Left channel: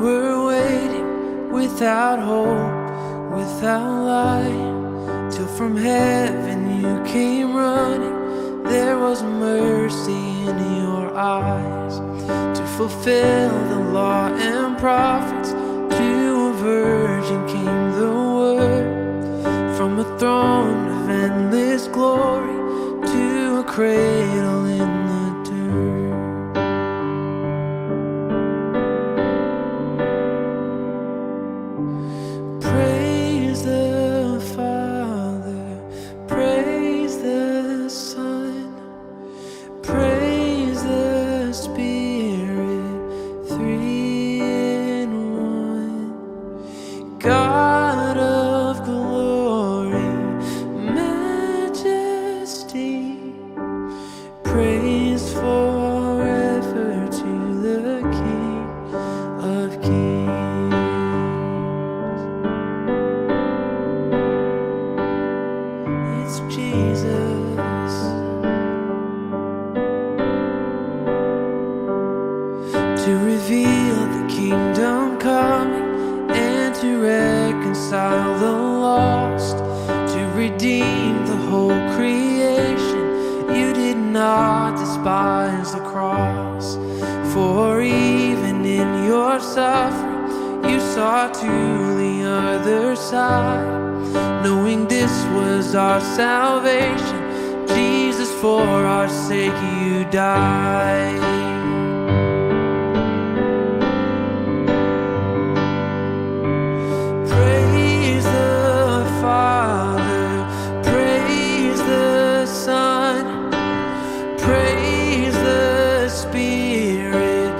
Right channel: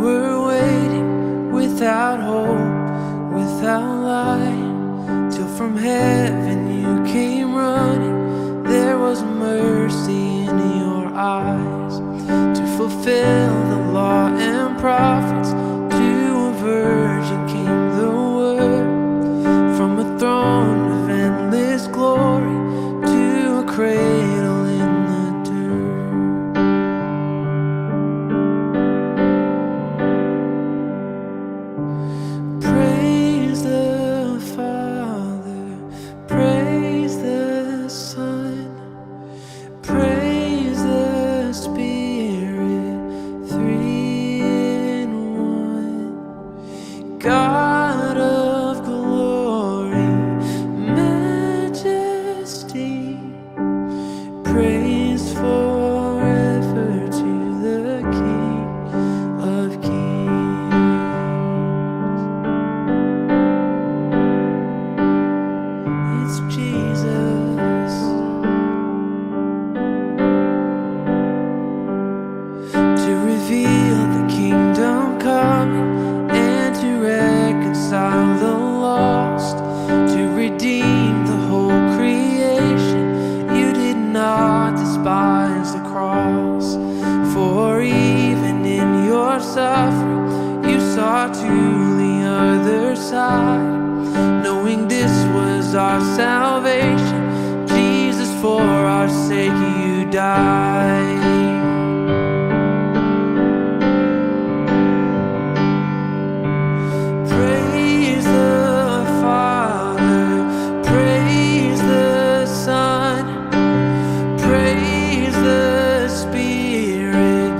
were waiting without hope, without light, till from heaven you came running. There was mercy in your eyes to fulfill the law and prophets. To a virgin came the word, from a throne of endless glory to a cradle in the dirt. Praise the Father, praise the Son, praise the Spirit, three in one. God of glory, majesty, praise forever to the King of Kings. It's Jesus. To reveal the kingdom coming and to reconcile the lost, to redeem the whole creation. You did not despise the cross, for even in your suffering you saw to the other side, knowing this was our salvation. Jesus, for our sake you died. Praise the Father, praise the Son, praise the Spirit,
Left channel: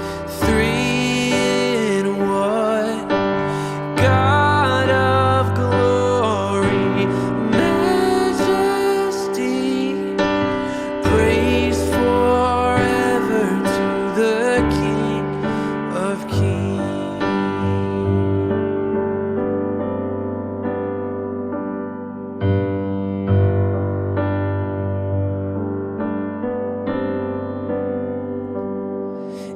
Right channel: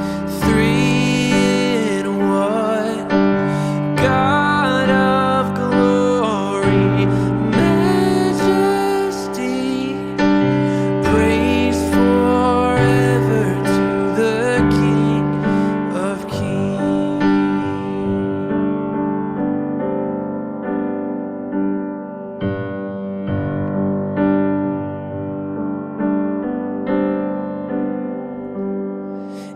three in one. God of glory, majesty, praise forever to the King of Kings.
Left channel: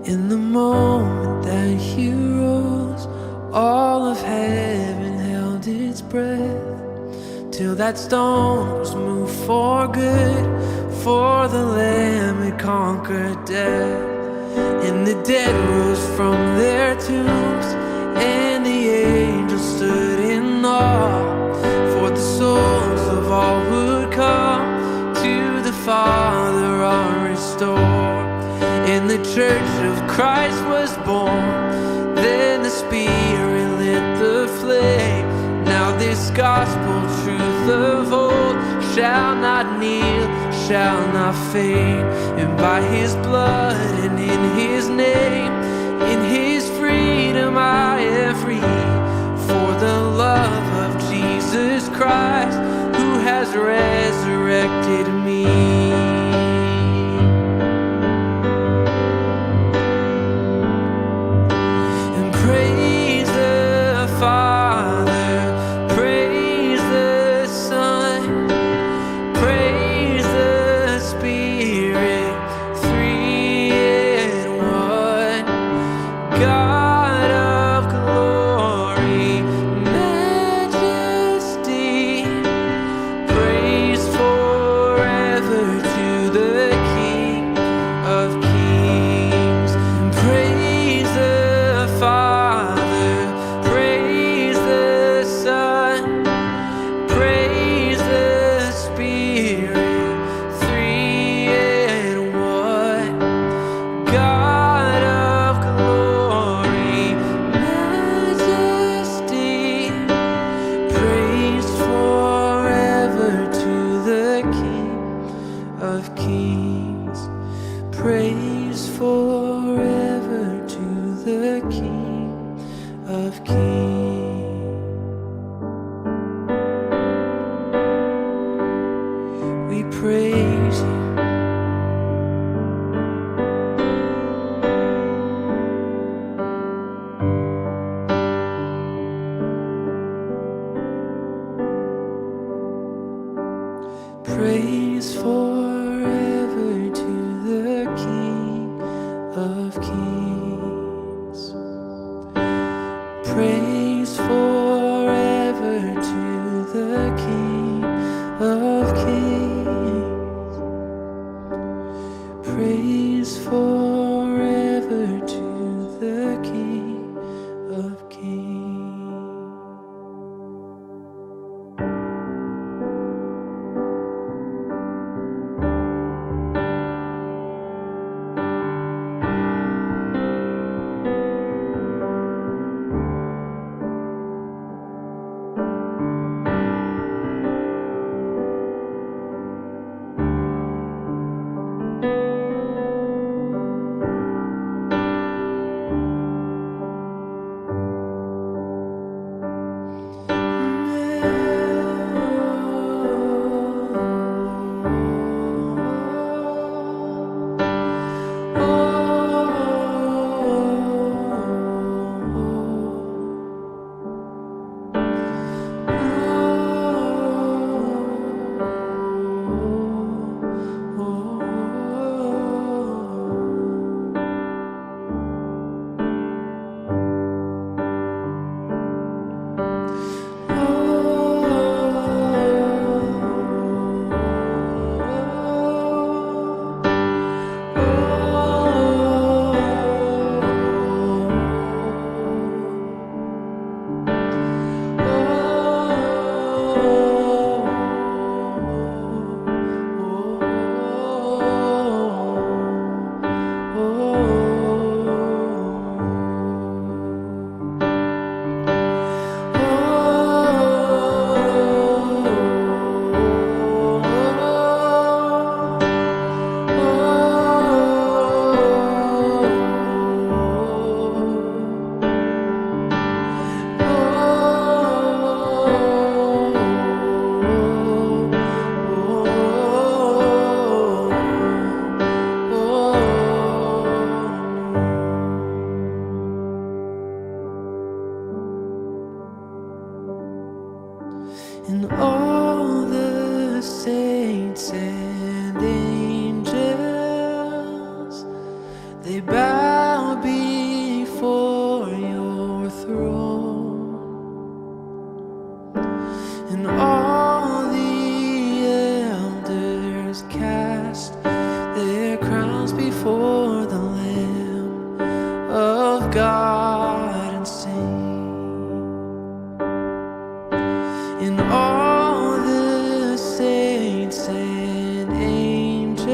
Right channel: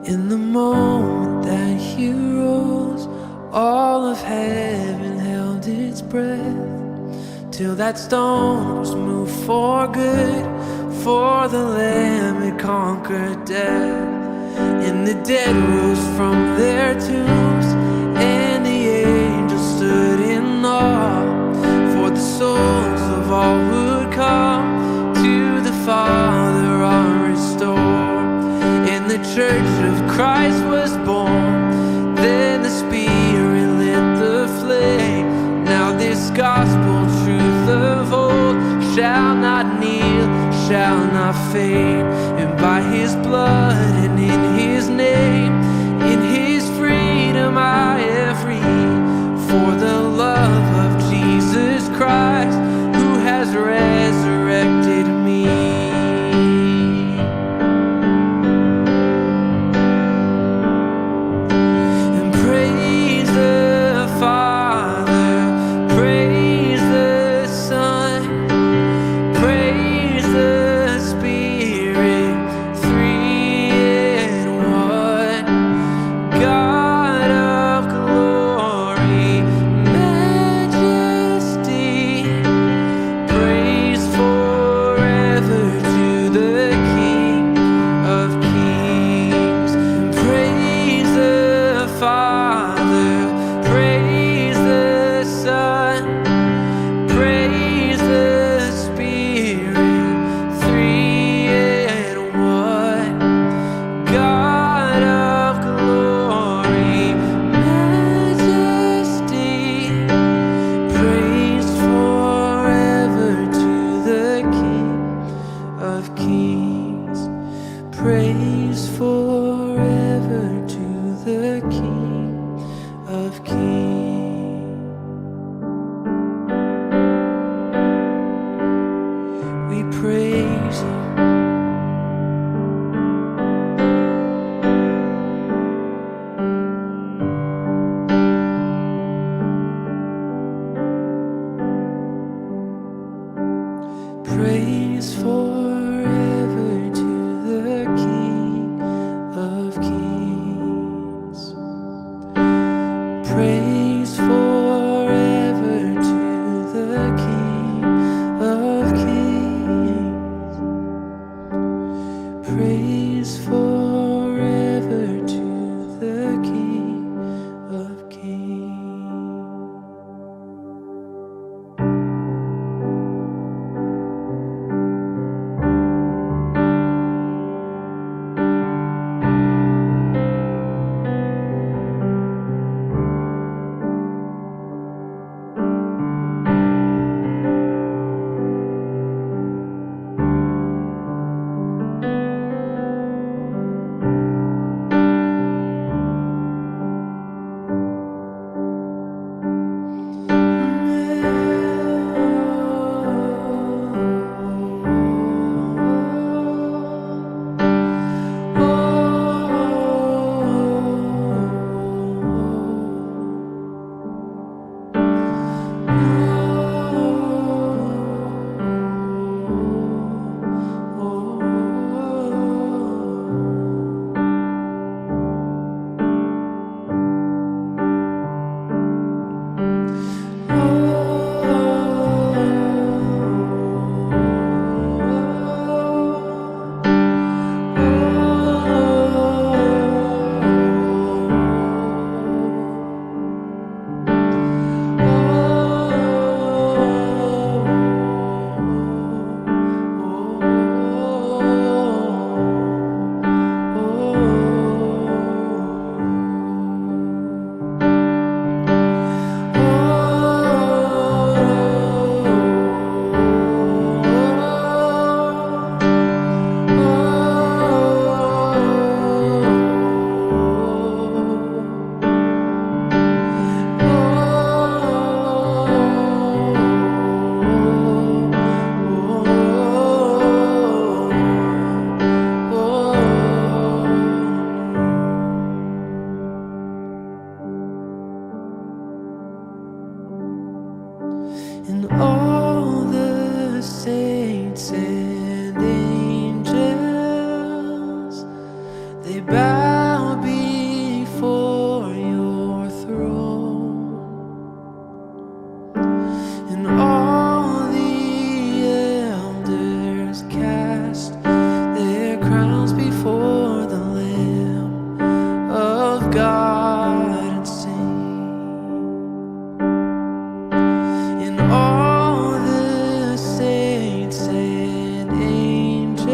In the moment that he rose, all of heaven held its breath, till that stone was moved for good, for the Lamb had conquered death. And the dead rose from their tombs, and the angels stood in awe, for the souls of all who'd come to the Father are restored. And the church of Christ was born. Then the Spirit lit the flame. Now this gospel truth of old shall not kneel, shall not fade. And by his blood and in his name, in his freedom I am free. For the love of Jesus Christ, who has resurrected me. Praise the Father, praise the Son, praise the Spirit, three in one. God of glory, majesty, praise forever to the King of Kings. And praise the Father, praise the Son, praise the Spirit, three in one. God of glory, majesty, praise forever to the King of Kings. Praise forever to the King of Kings. We praise you. Praise forever to the King of Kings. Praise forever to the King of Kings. Praise forever to the King of Kings. And all the saints and angels, they bow before your throne. And all the elders cast their crowns before the Lamb of God and sing. And all the saints and angels,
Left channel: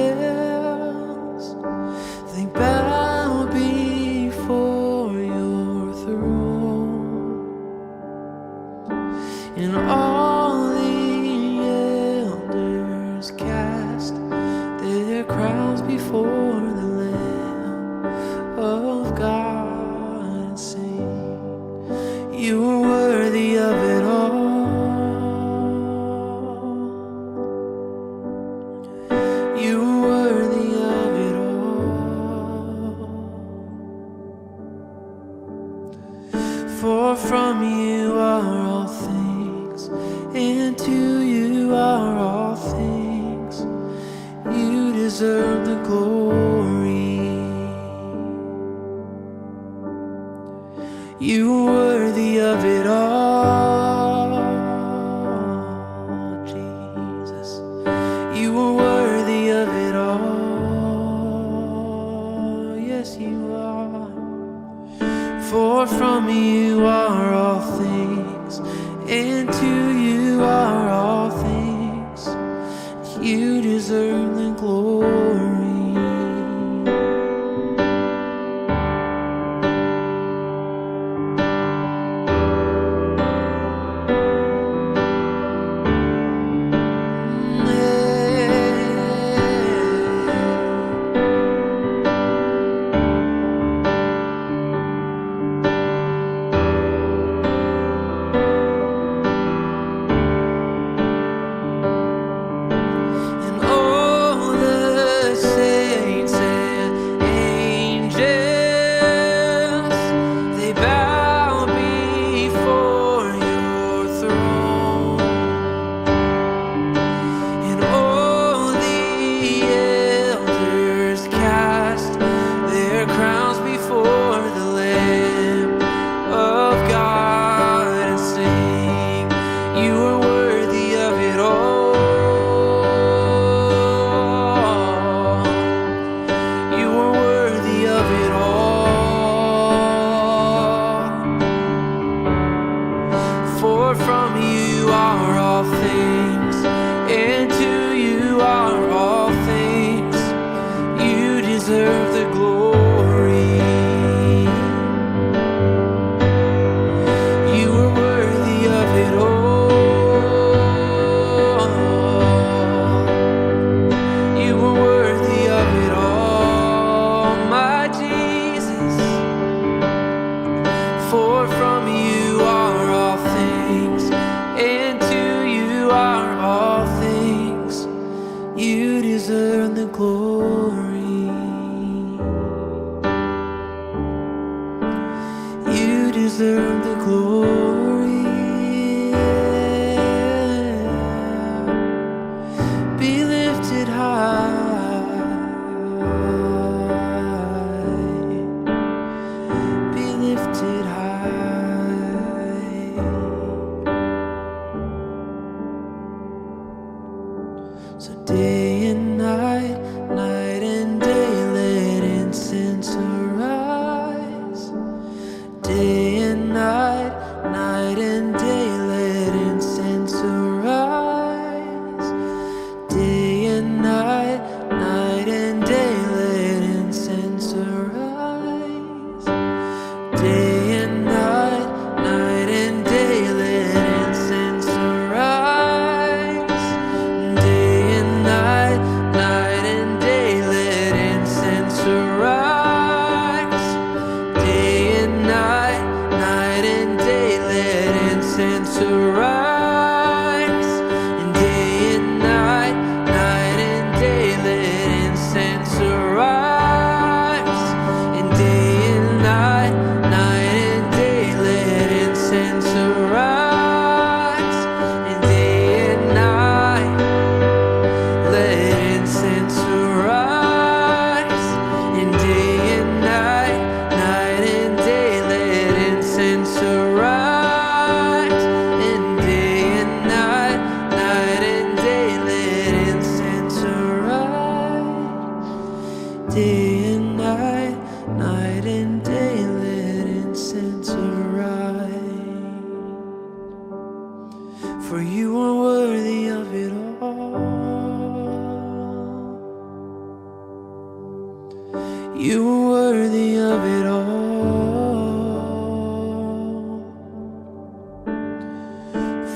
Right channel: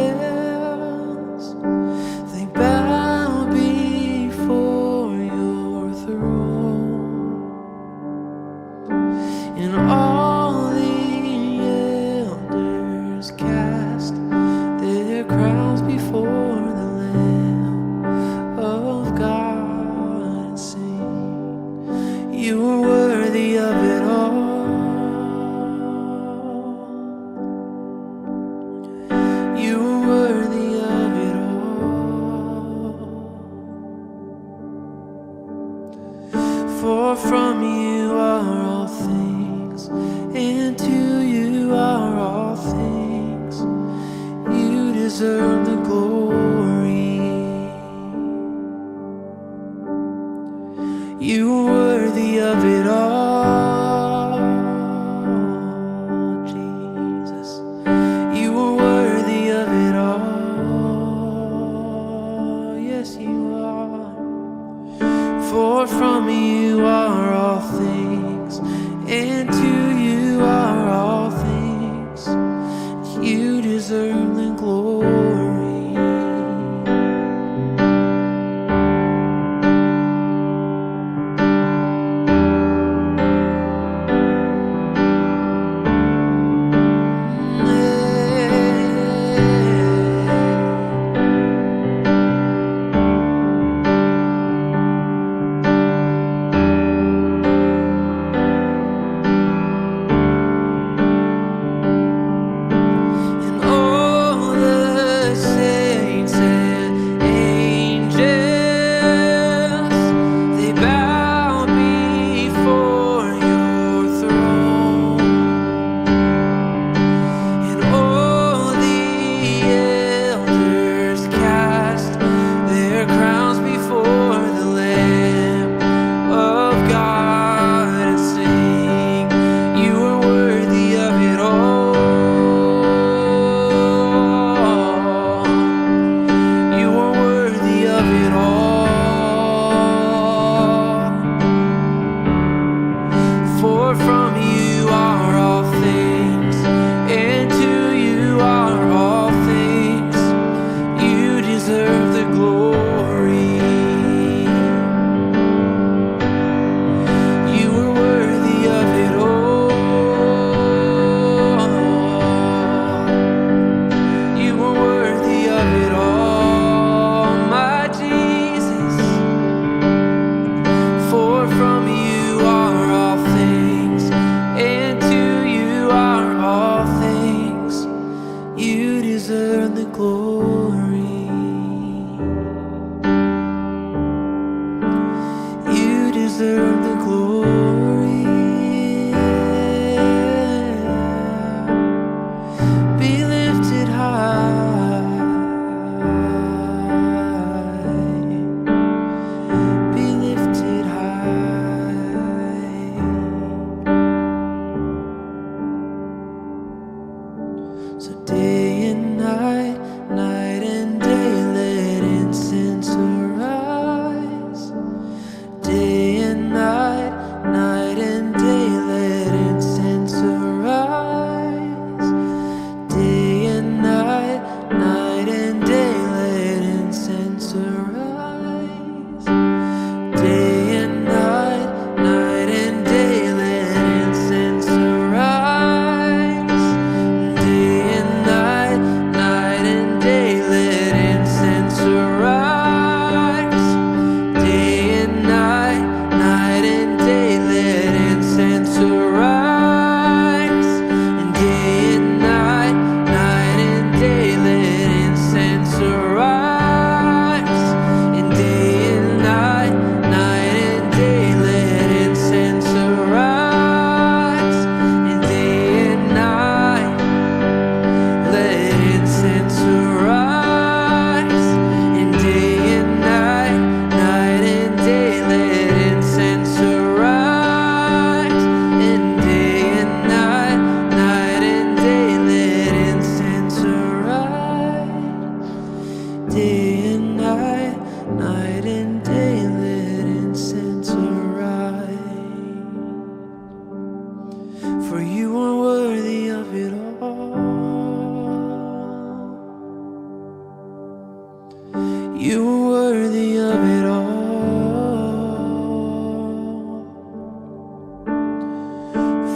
they bow before your throne. And all the elders cast their crowns before the Lamb of God and sing, you are worthy of it all. You are worthy of it all. For from you are all things, and to you are all things. You deserve the glory. You are worthy of it all, Jesus. You are worthy of it all. Yes, you are. For from you are all things, and to you are all things. You deserve the glory. For from you are all things, and to you are all things. You deserve the glory. You are worthy of it all. You are worthy of it all, my Jesus. For from you are all things, and to you are all things. You deserve the glory. You deserve the glory. Be lifted high. Be lifted high. So day and night, night and day, let incense arise. Day and night, night and day, let incense arise. Day and night, night and day, let incense arise. Day and night, night and day, let incense arise. Day and night, night and day, let incense arise. Day and night, night and day, let incense arise. And day and night, night and day, let incense arise. And day and night, night and day, let incense arise. And day and night, let incense arise. And day and night, night and day, let incense arise. And day and night, night and day, let incense arise. Day and night, night and day, let incense arise. For you are worthy of it all. You are worthy of it all.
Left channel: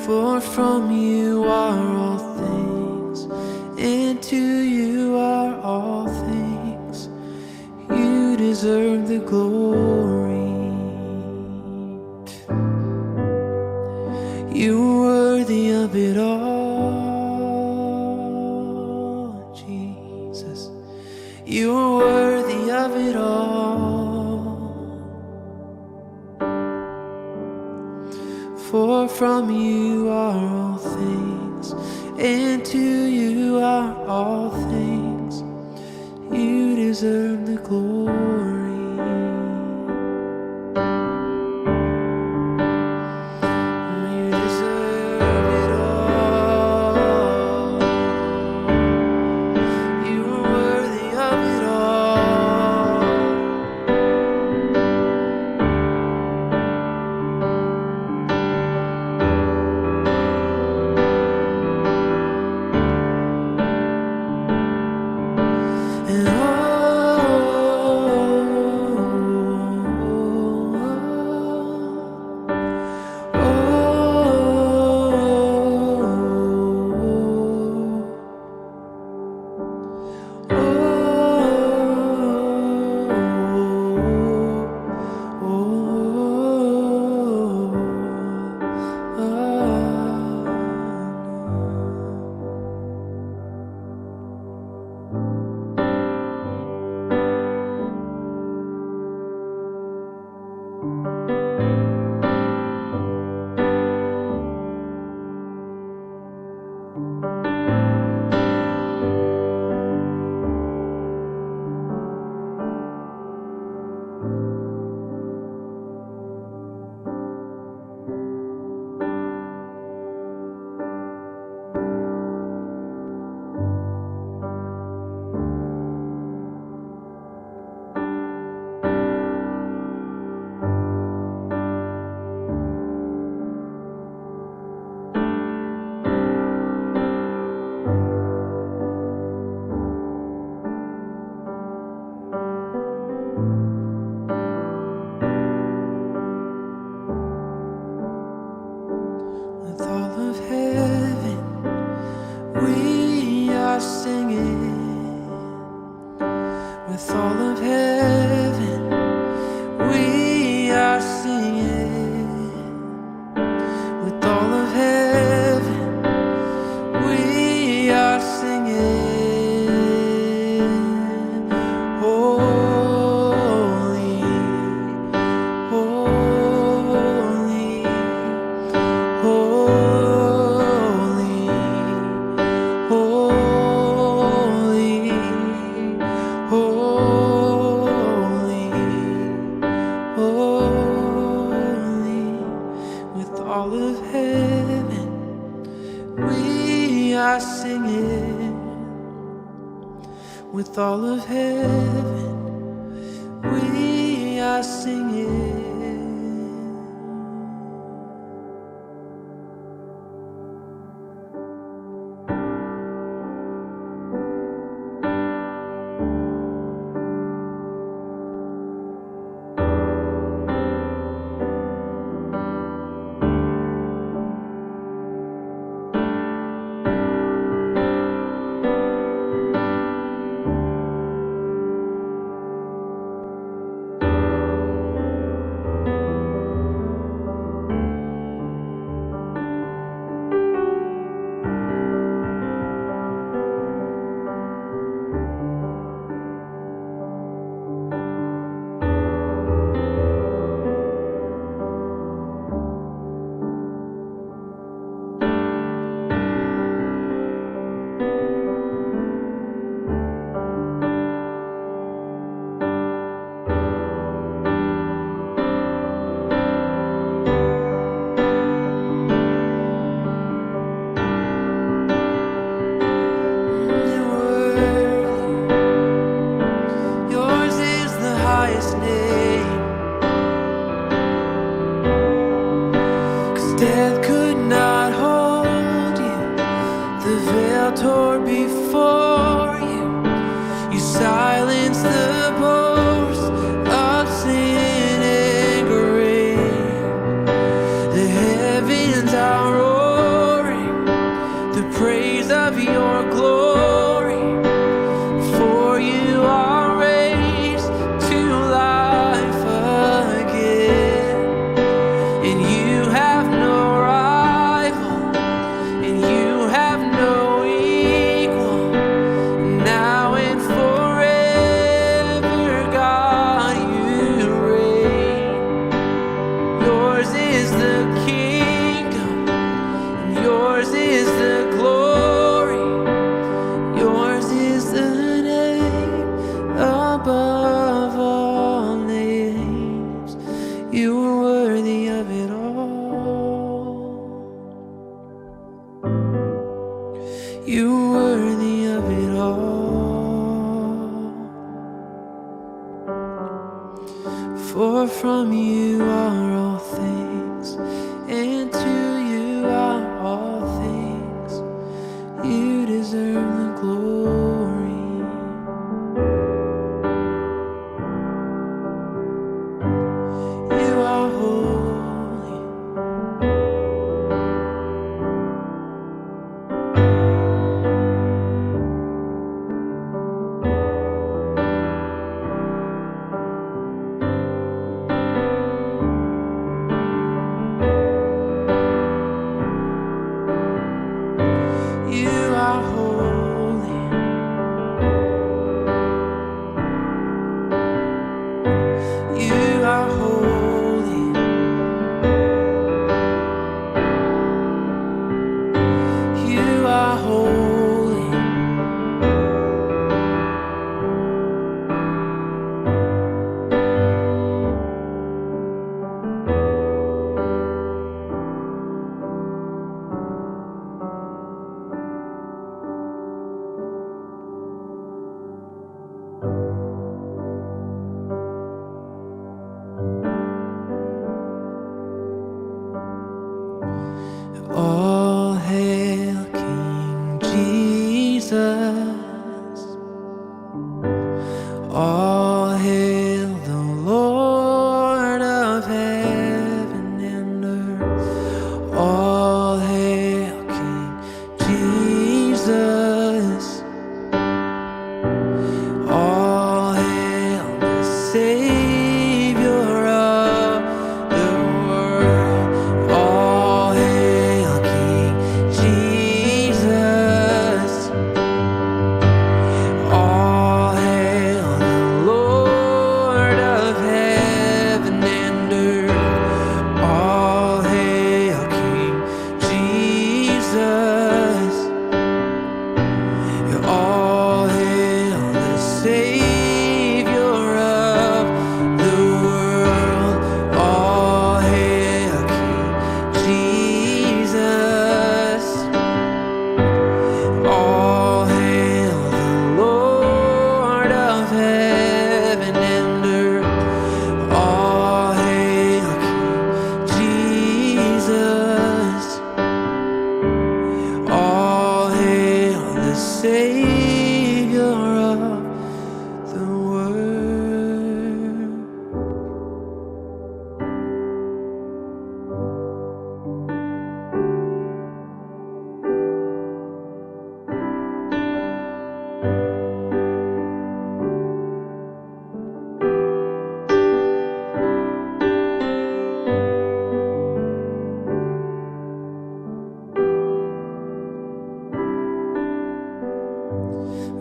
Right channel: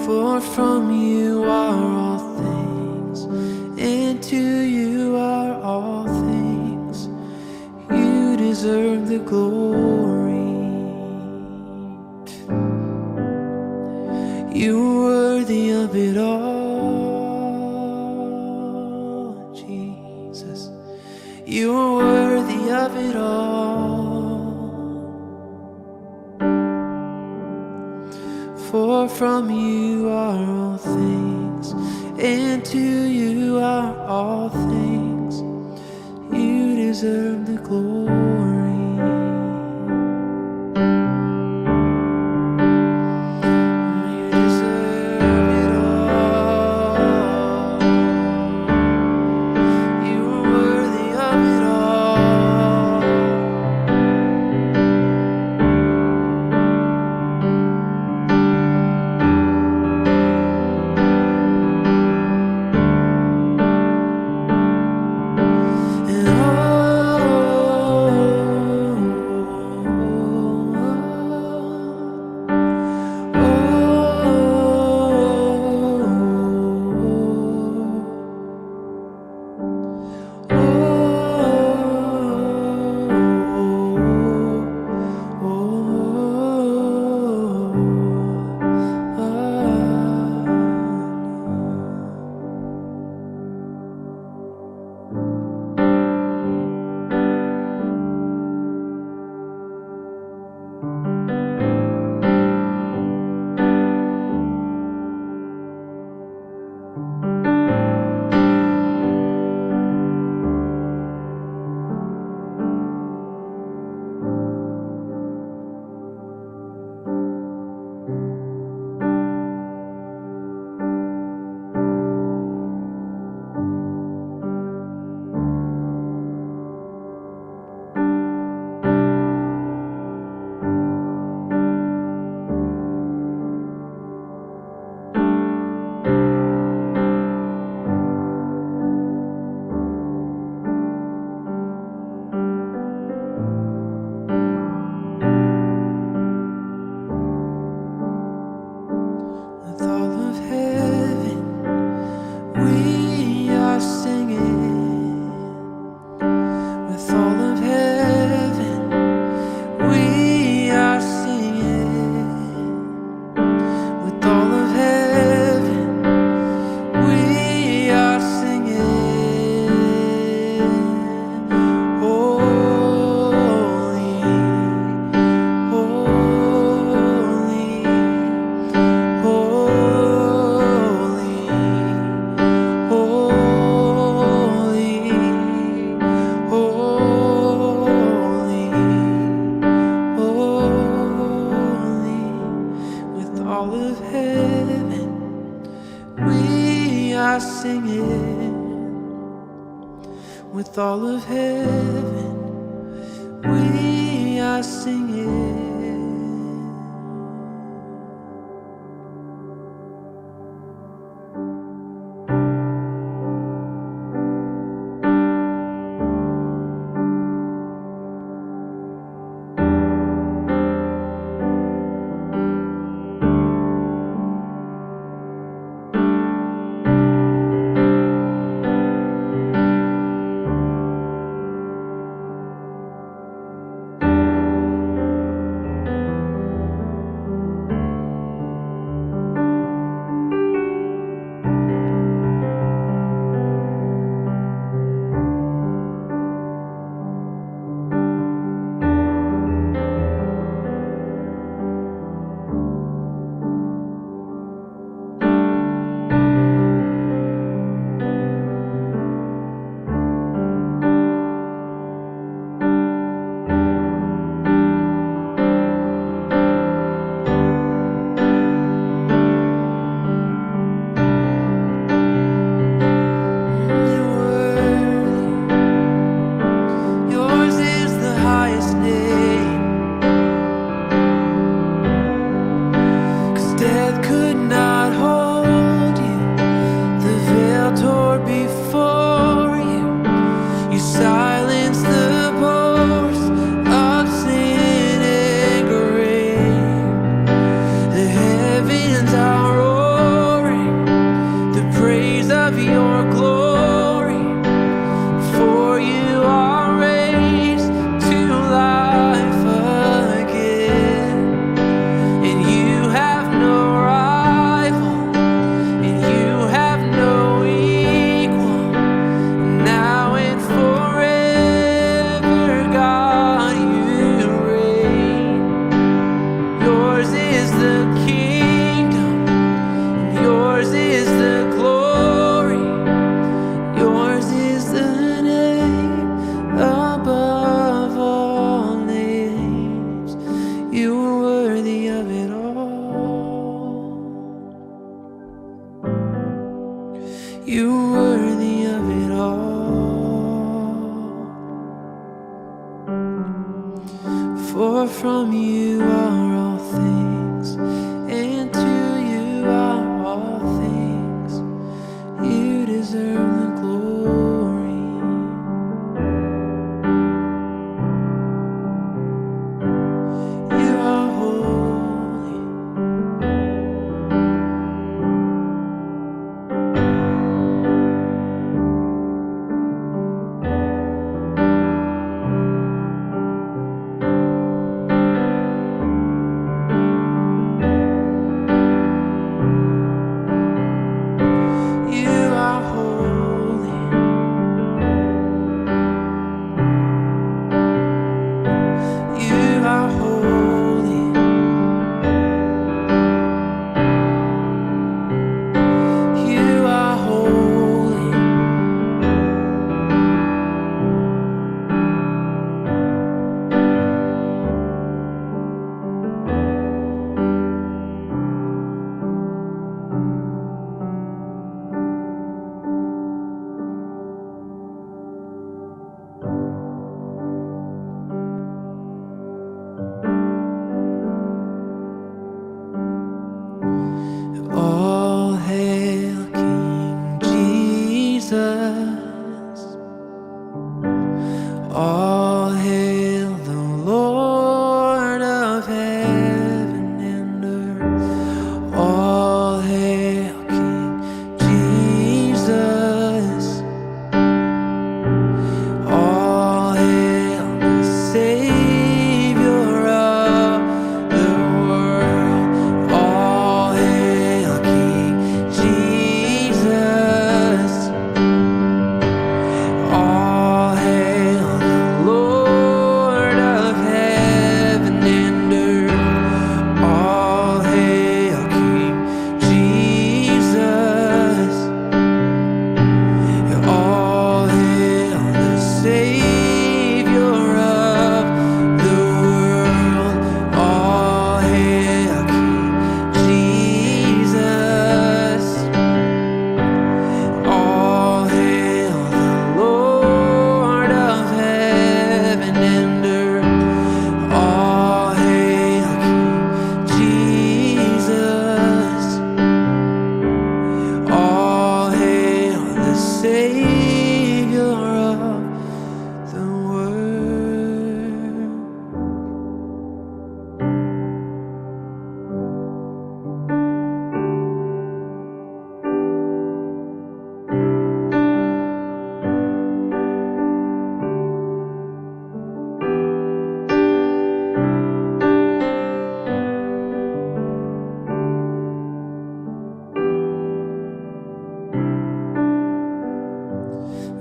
For from you are all things, and to you are all things. You deserve the glory. You are worthy of it all, Jesus. You are worthy of it all. For from you are all things, and to you are all things. You deserve the glory. You deserve it all. You are worthy of it all. And all of heaven, we are singing. With all of heaven, we are singing. Death could not hold you, the veil tore before you. You silenced the boast of sin and grave. The heavens are roaring the praise of your glory, for you are raised to life again, and you have no rival, and you have no equal. Now and forever, God, you reign. Yours is the kingdom, and yours is the glory. Yours is the name above all names. You are worthy of it all. You are worthy of it all. For from you are all things, and to you are all things. You deserve the glory. You are holy.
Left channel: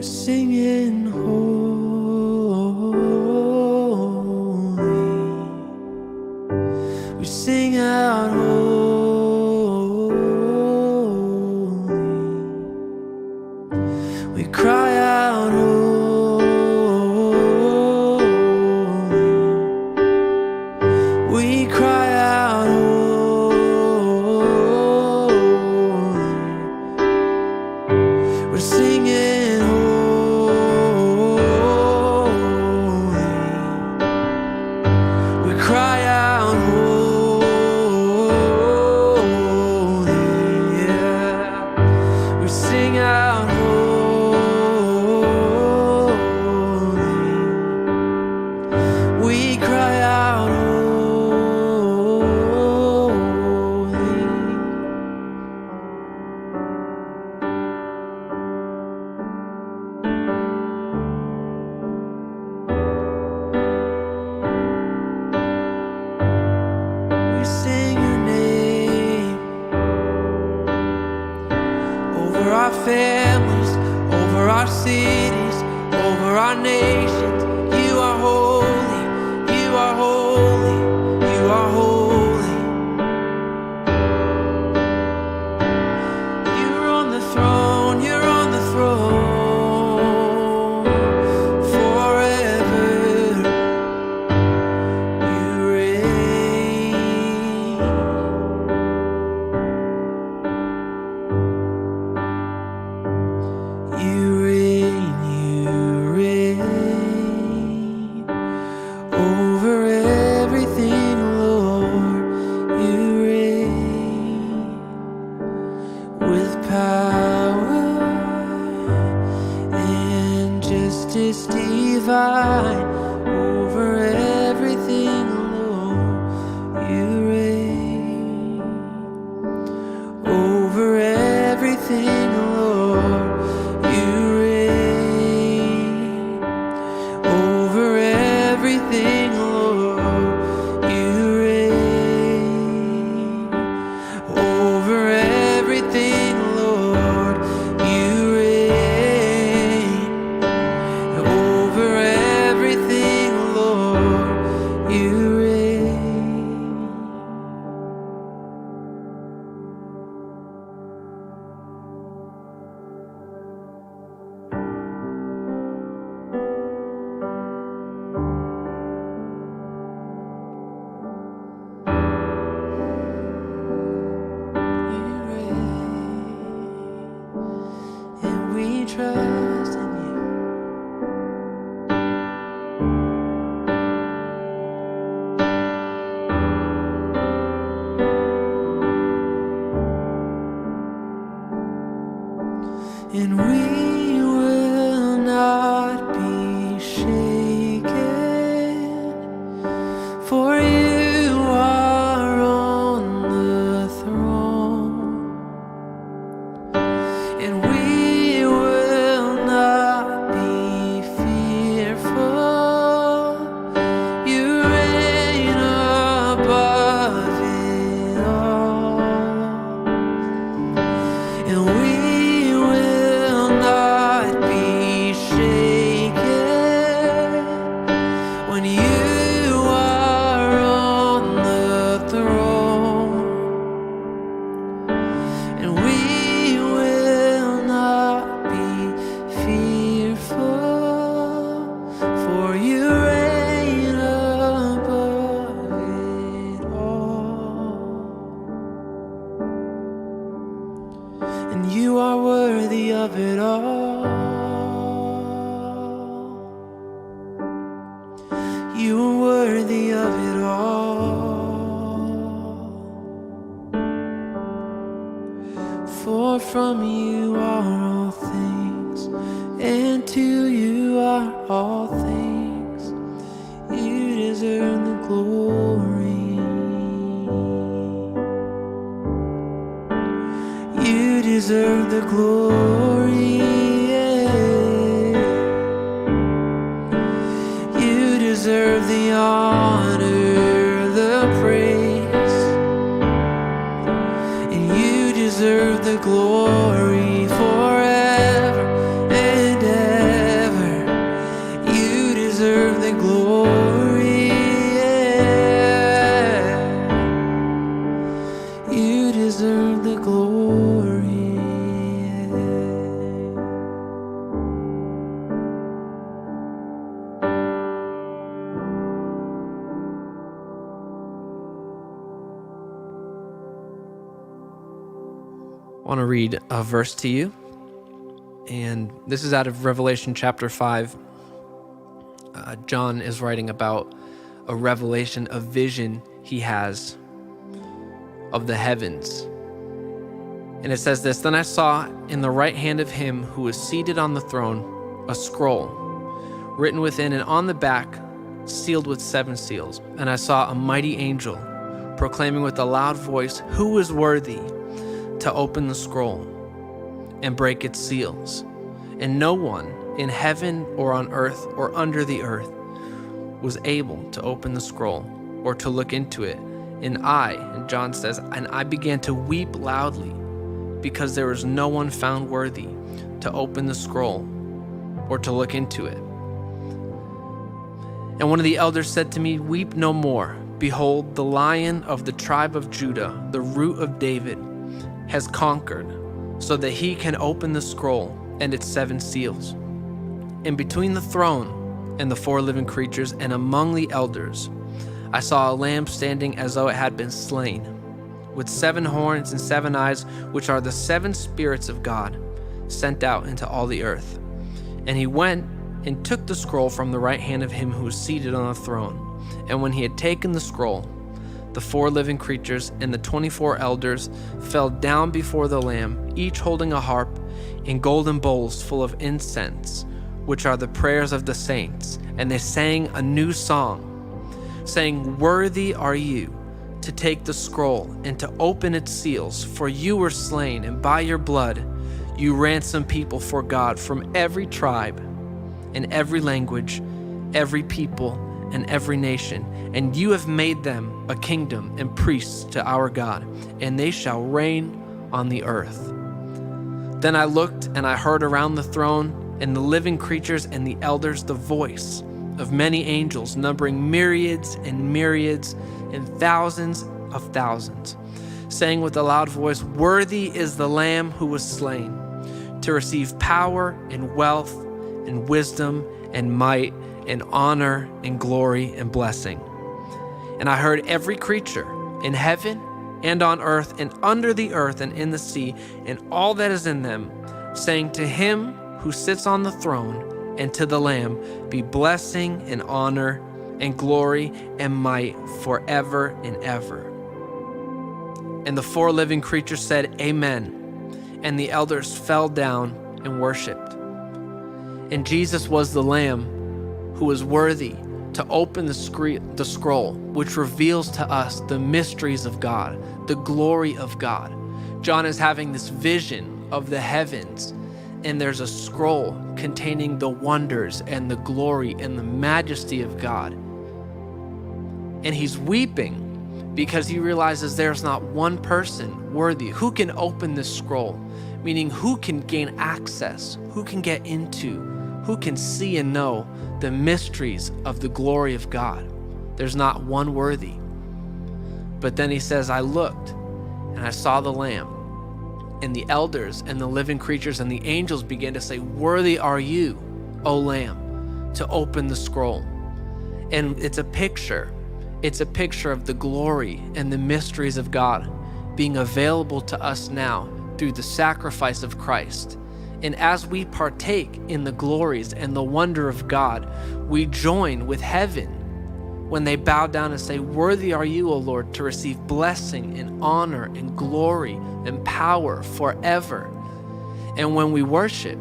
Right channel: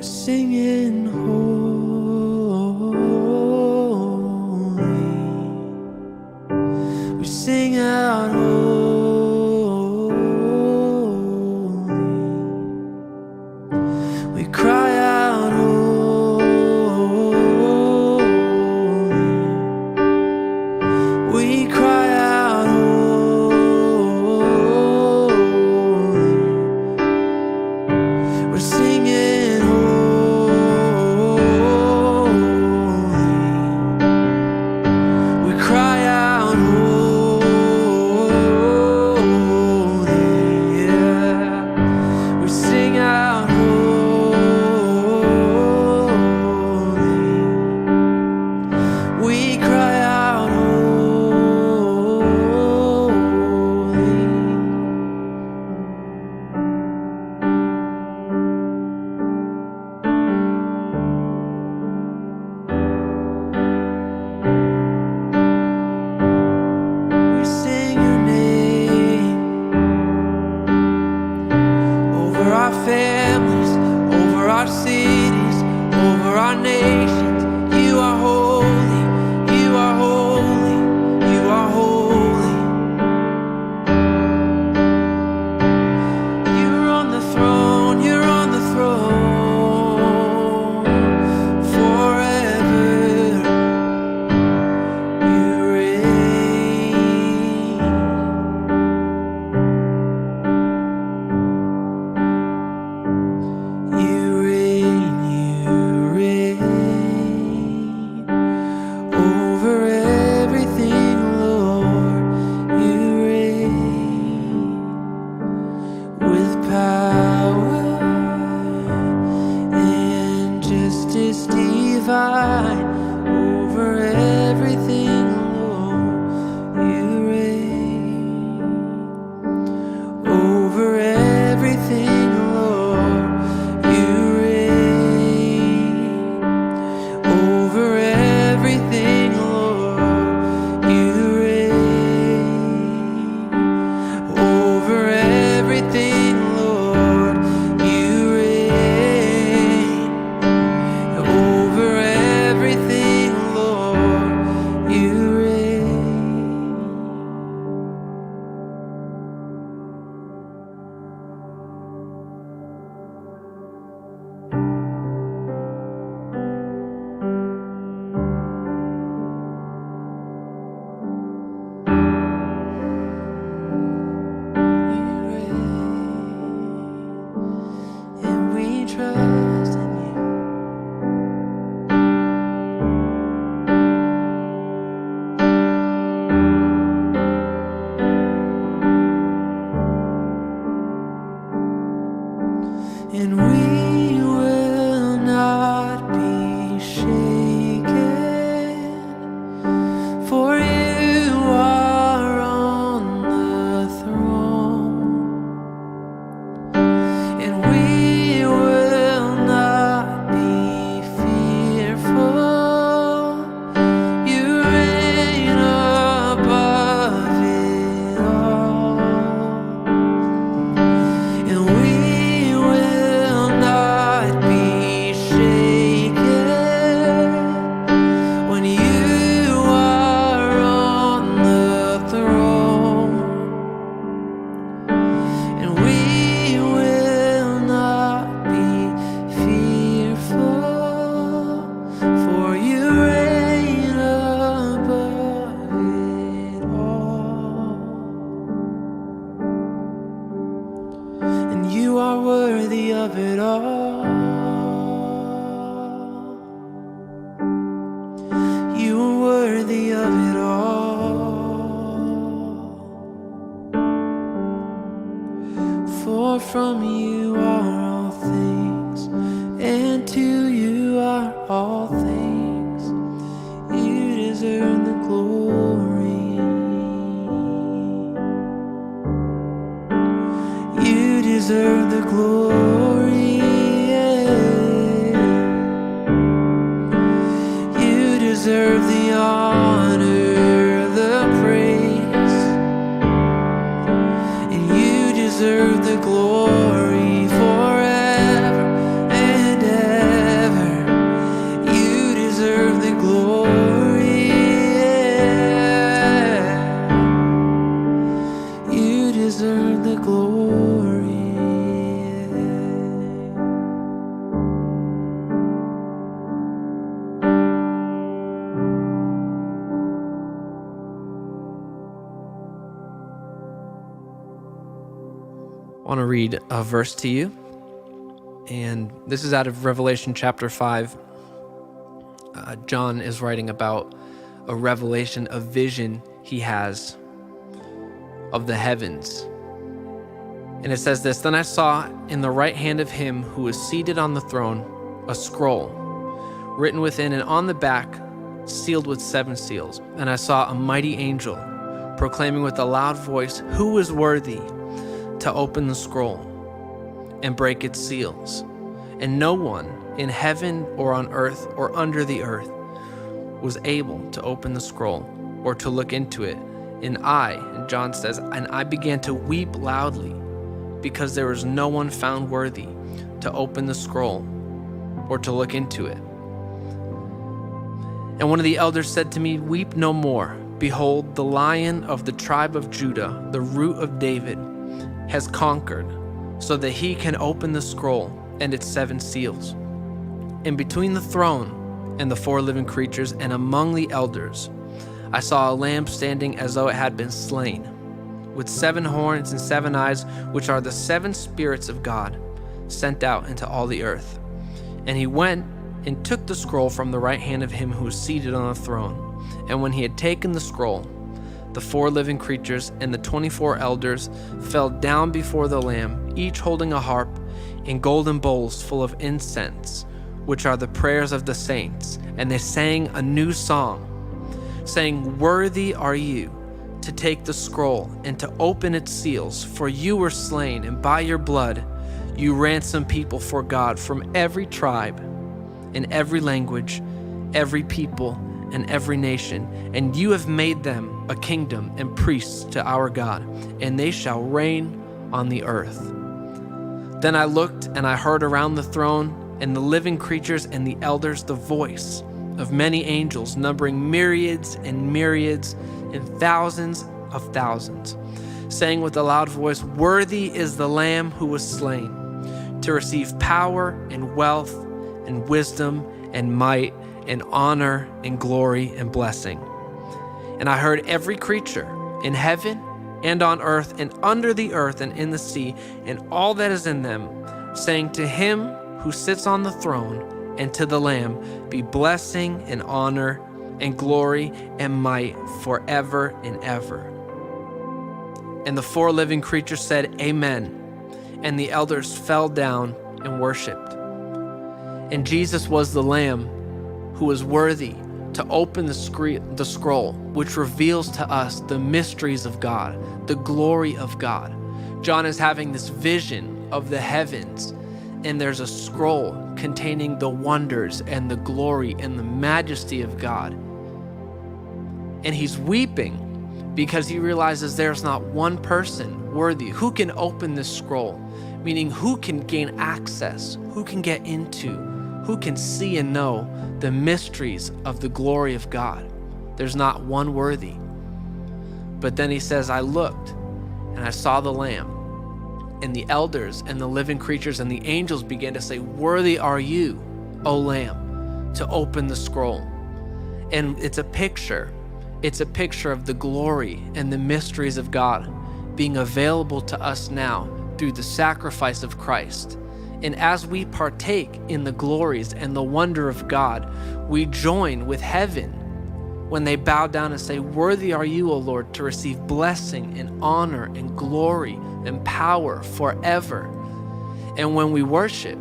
We're singing holy. We sing out holy. We cry out holy. We cry out holy. We're singing holy. We cry out holy. Yeah. We sing out holy. We cry out holy. We sing your name over our families, over our cities, over our nations. You are holy, you are holy, you are holy. You're on the throne, you're on the throne forever. You reign. You reign, you reign over everything, Lord. You reign with power and justice divine over everything, Lord. You reign over everything, Lord. You reign over everything, Lord. You reign over everything, Lord. You reign over everything, Lord. You reign. You reign, and we trust in you. And we will not be shaken, for you are on the throne. And we will not be fearful. You reign above it all. And we will not be shaken when you are on the throne. And we will not be fearful, for you reign above it all. And you are worthy of it all. You are worthy of it all. For from you are all things, and to you are all things. You deserve the glory. You deserve the glory. You deserve the honor, the praise, and you deserve the glory forever and ever. deserve the glory. I want to read a verse to you, and this is out of Revelation chapter 5. John is writing about a revelation, a vision he has of the heavens. And it says this, "Then I saw in the right hand of him who was seated on the throne a scroll written within and on the back, sealed with 7 seals. And I saw a mighty angel proclaiming with a loud voice, 'Who is worthy to open the scroll and break its seals?' And no one in heaven or on earth or under the earth was able to open the scroll or to look into it. And John says, and I began to weep loudly because there was no one found worthy to open the scroll or to look into it. And one of the elders said to me, 'Weep no more. Behold, the Lion of the tribe of Judah, the Root of David, has conquered, so that he can open the scroll and its 7 seals.' And between the throne and the 4 living creatures and among the elders, I saw a lamb standing as though it had been slain, with 7 horns and 7 eyes, which are the 7 spirits of God sent out into all the earth. And he went and took the scroll from the right hand of him who was seated on the throne. And when he had taken the scroll, the 4 living creatures and the 24 elders fell down before the Lamb, each holding a harp and golden bowls full of incense, which are the prayers of the saints. And they sang a new song, saying, 'Worthy are you to take the scroll and to open its seals, for you were slain, and by your blood you ransomed people for God from every tribe and every language, every people, and every nation, and you have made them a kingdom and priests to our God, and they shall reign on the earth.' Then I looked, and I heard around the throne and the living creatures and the elders the voice of many angels, numbering myriads and myriads and thousands of thousands, saying with a loud voice, 'Worthy is the Lamb who was slain to receive power and wealth and wisdom and might and honor and glory and blessing.' And I heard every creature in heaven and on earth and under the earth and in the sea and all that is in them, saying, 'To him who sits on the throne and to the Lamb be blessing and honor and glory and might forever and ever.' And the 4 living creatures said, 'Amen.' And the elders fell down and worshiped. And Jesus was the Lamb who was worthy to open the scroll, which reveals to us the mysteries of God, the glory of God. John is having this vision of the heavens, and there's a scroll containing the wonders and the glory and the majesty of God. And he's weeping because he realizes there's not one person worthy who can open this scroll, meaning who can gain access, who can get into, who can see and know the mysteries of the glory of God. There's not one worthy. But then he says, I looked and I saw the Lamb, and the elders and the living creatures and the angels began to say, "Worthy are you, O Lamb, to open the scroll." And it's a picture of the glory and the mysteries of God being available to us now through the sacrifice of Christ. And as we partake in the glories and the wonder of God, we join with heaven when they bow down and say, "Worthy are you, O Lord, to receive blessing and honor and glory and power forever." And when we worship,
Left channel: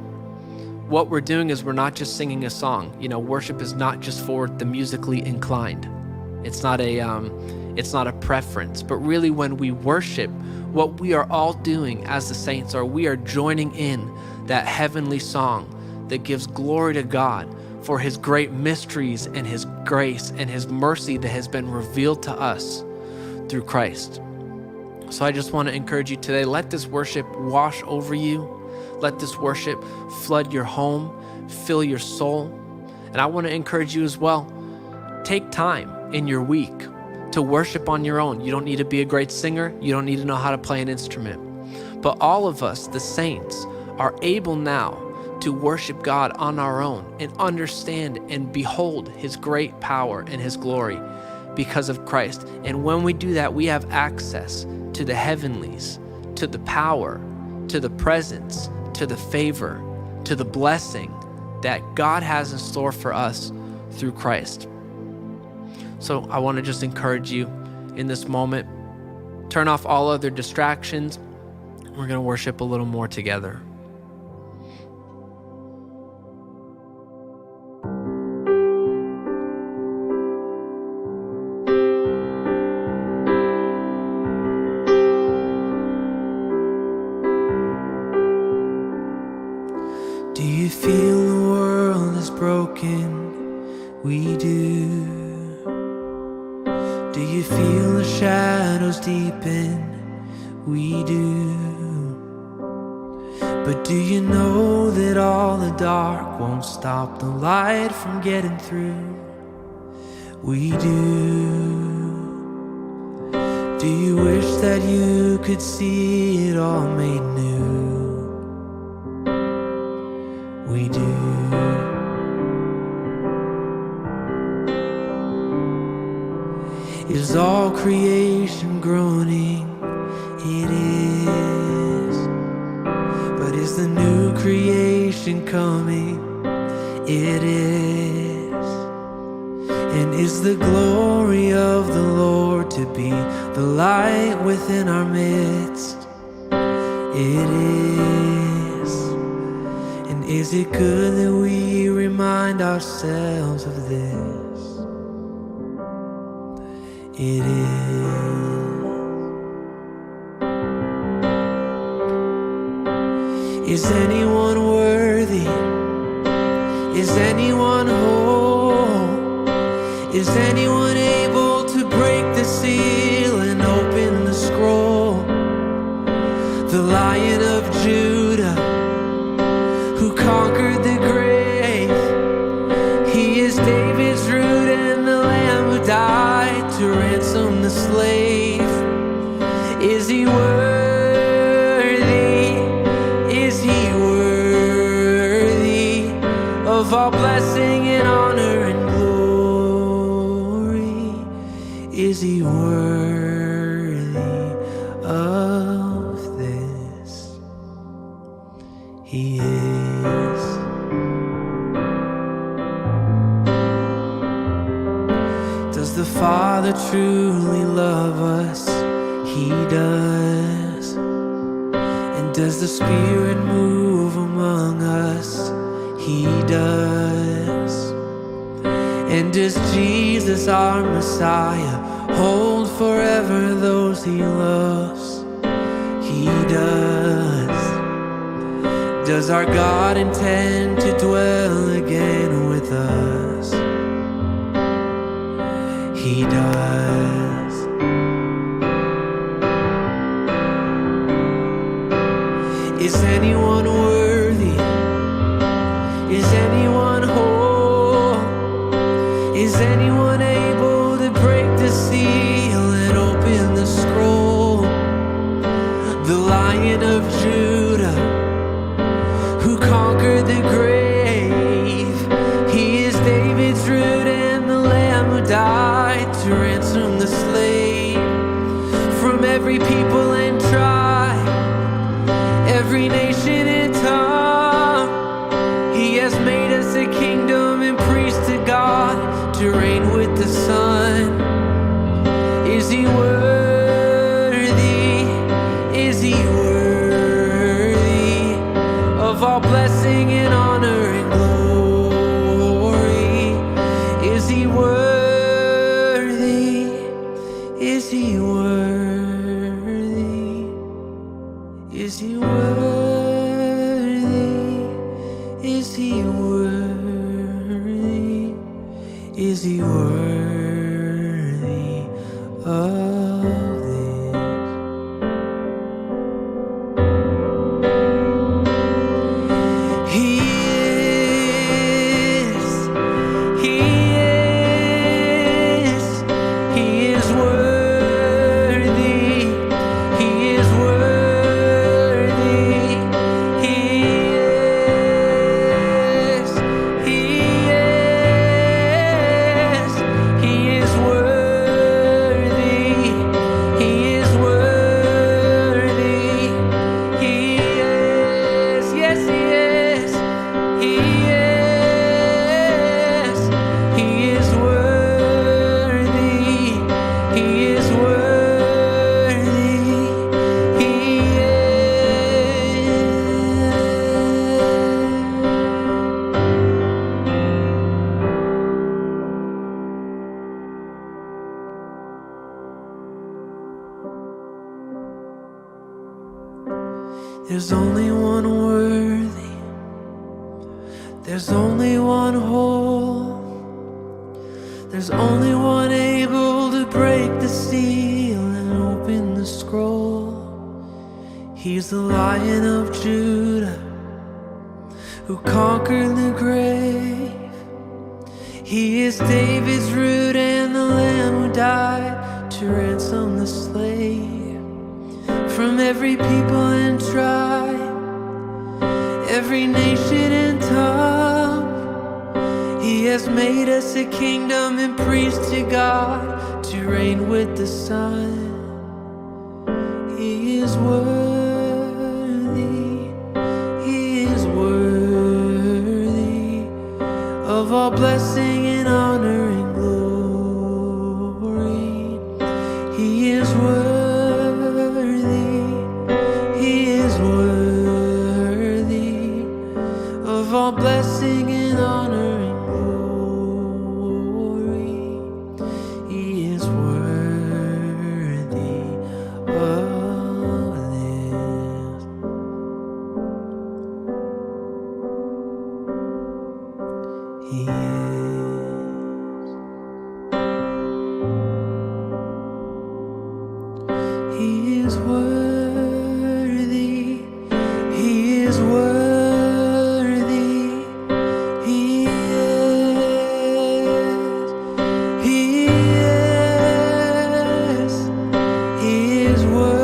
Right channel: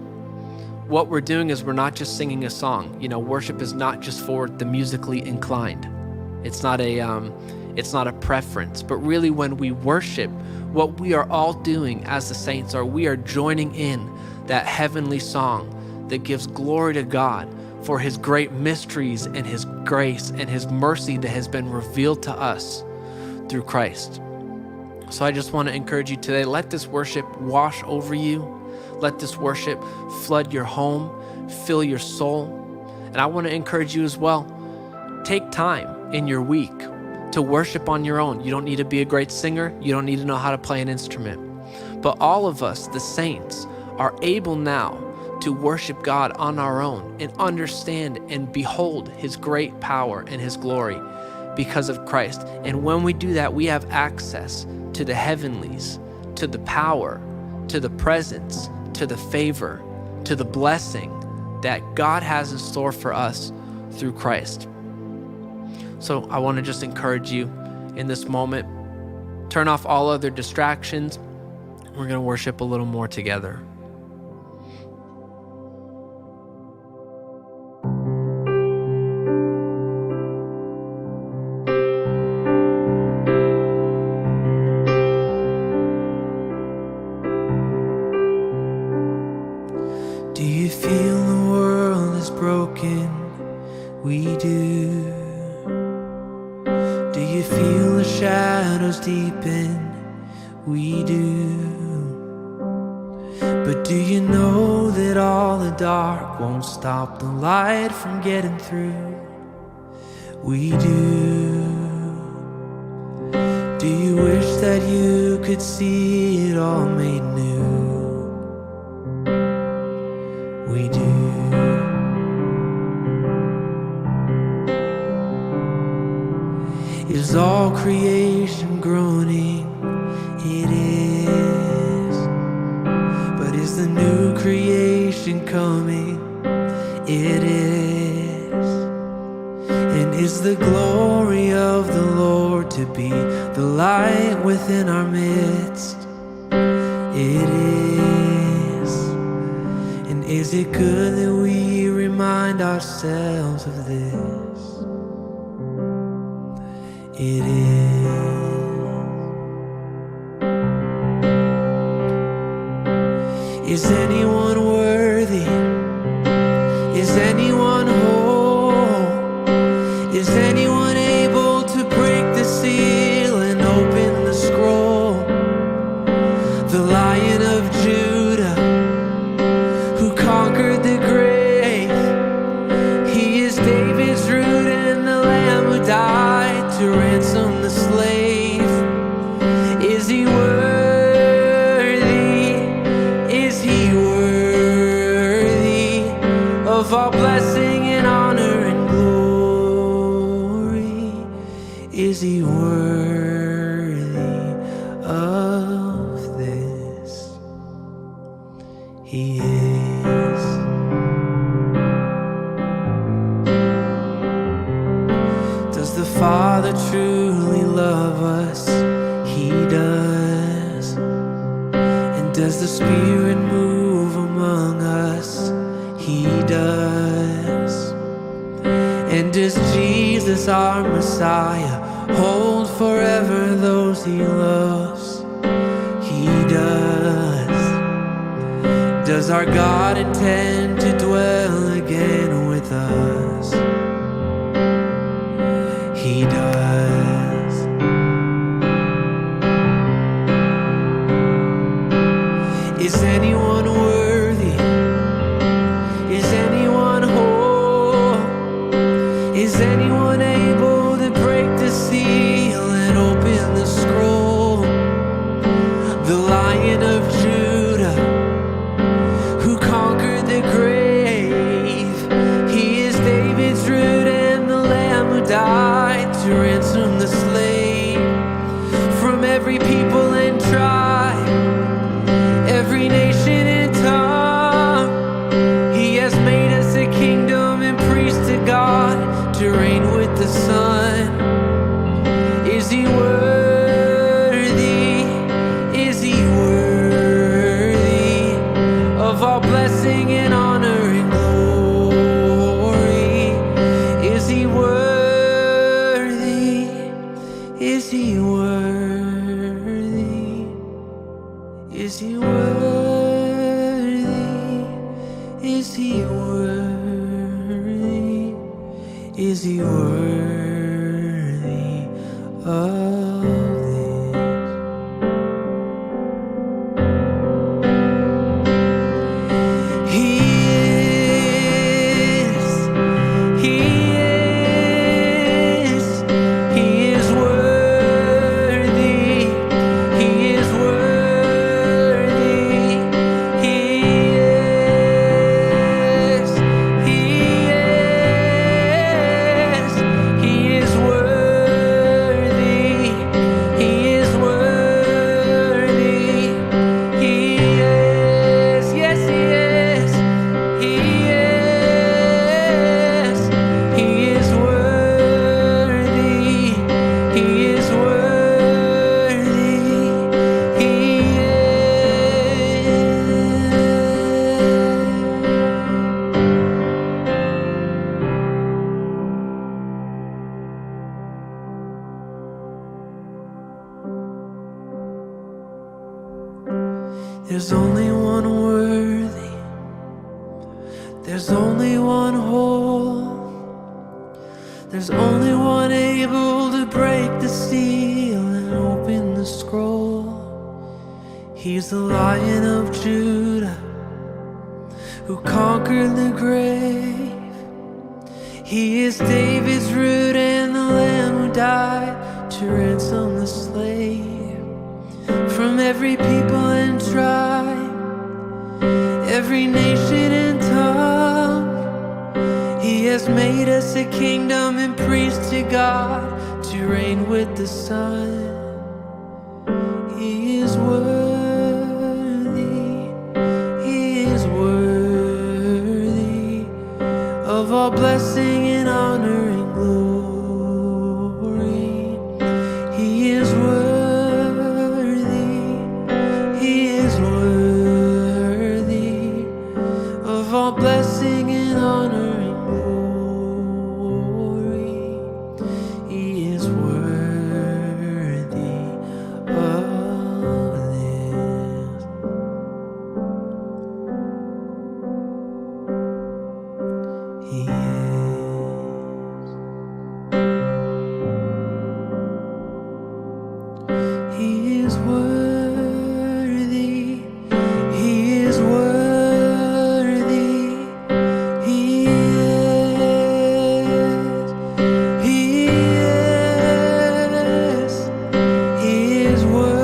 what we're doing is we're not just singing a song. Worship is not just for the musically inclined. It's not a preference, but really when we worship, what we are all doing as the saints we are joining in that heavenly song that gives glory to God for his great mysteries and his grace and his mercy that has been revealed to us through Christ. So I just want to encourage you today, let this worship wash over you. Let this worship flood your home, fill your soul. And I want to encourage you as well, take time in your week to worship on your own. You don't need to be a great singer. You don't need to know how to play an instrument. But all of us, the saints, are able now to worship God on our own and understand and behold his great power and his glory because of Christ. And when we do that, we have access to the heavenlies, to the power, to the presence, to the favor, to the blessing that God has in store for us through Christ. So I want to just encourage you in this moment, turn off all other distractions. We're going to worship a little more together. Do you feel the world is broken? We do. Do you feel the shadows deepen? We do. But do you know that all the dark won't stop the light from getting through? We do. Do you wish that you could see it all made new? We do. Is all creation groaning? It is. But is the new creation coming? It is. And is the glory of the Lord to be the light within our midst? It is. And is it good that we remind ourselves of this? It is. Is anyone worthy? Is anyone whole? Is anyone able to break the seal and open the scroll? The Lion of Judah, who conquered the grave. He is David's root and the Lamb who died to ransom the slave. Is he worthy? Is he worthy of all blessing and honor and glory? Is he worthy of this? He is. Does the Father truly love us? He does. And does the Spirit move among us? He does. And does Jesus, our Messiah, hold forever those he loves? He does. Does our God intend to dwell again with us? He does. Is anyone worthy? Is anyone whole? Is anyone able to break the seal and open the scroll? The Lion of Judah, who conquered the grave. He is David's root and the Lamb who died to ransom the slave. From every people and tribe, every nation and tongue, he has made us a kingdom and priests to God, to reign with the Son. Is he worthy? Is he worthy of all blessing and honor and glory? Is he worthy? Is he worthy? Is he worthy? Is he worthy? Is he worthy of this? He is. He is. He is worthy. There's only one worthy, there's only one whole, there's only one able to break the seal and open the scroll. He's the Lion of Judah who conquered the grave. He is David's root and the Lamb who died to ransom the slave. From every people and tribe, every nation and tongue, He has made us a kingdom and priests to God, to reign with the Son. He is worthy, He is worthy of all blessing and honor and glory. He is worthy, He is worthy of all blessing and honor and glory. He is worthy of this. He is. He is worthy. He is worthy. He is. He is. He is worthy.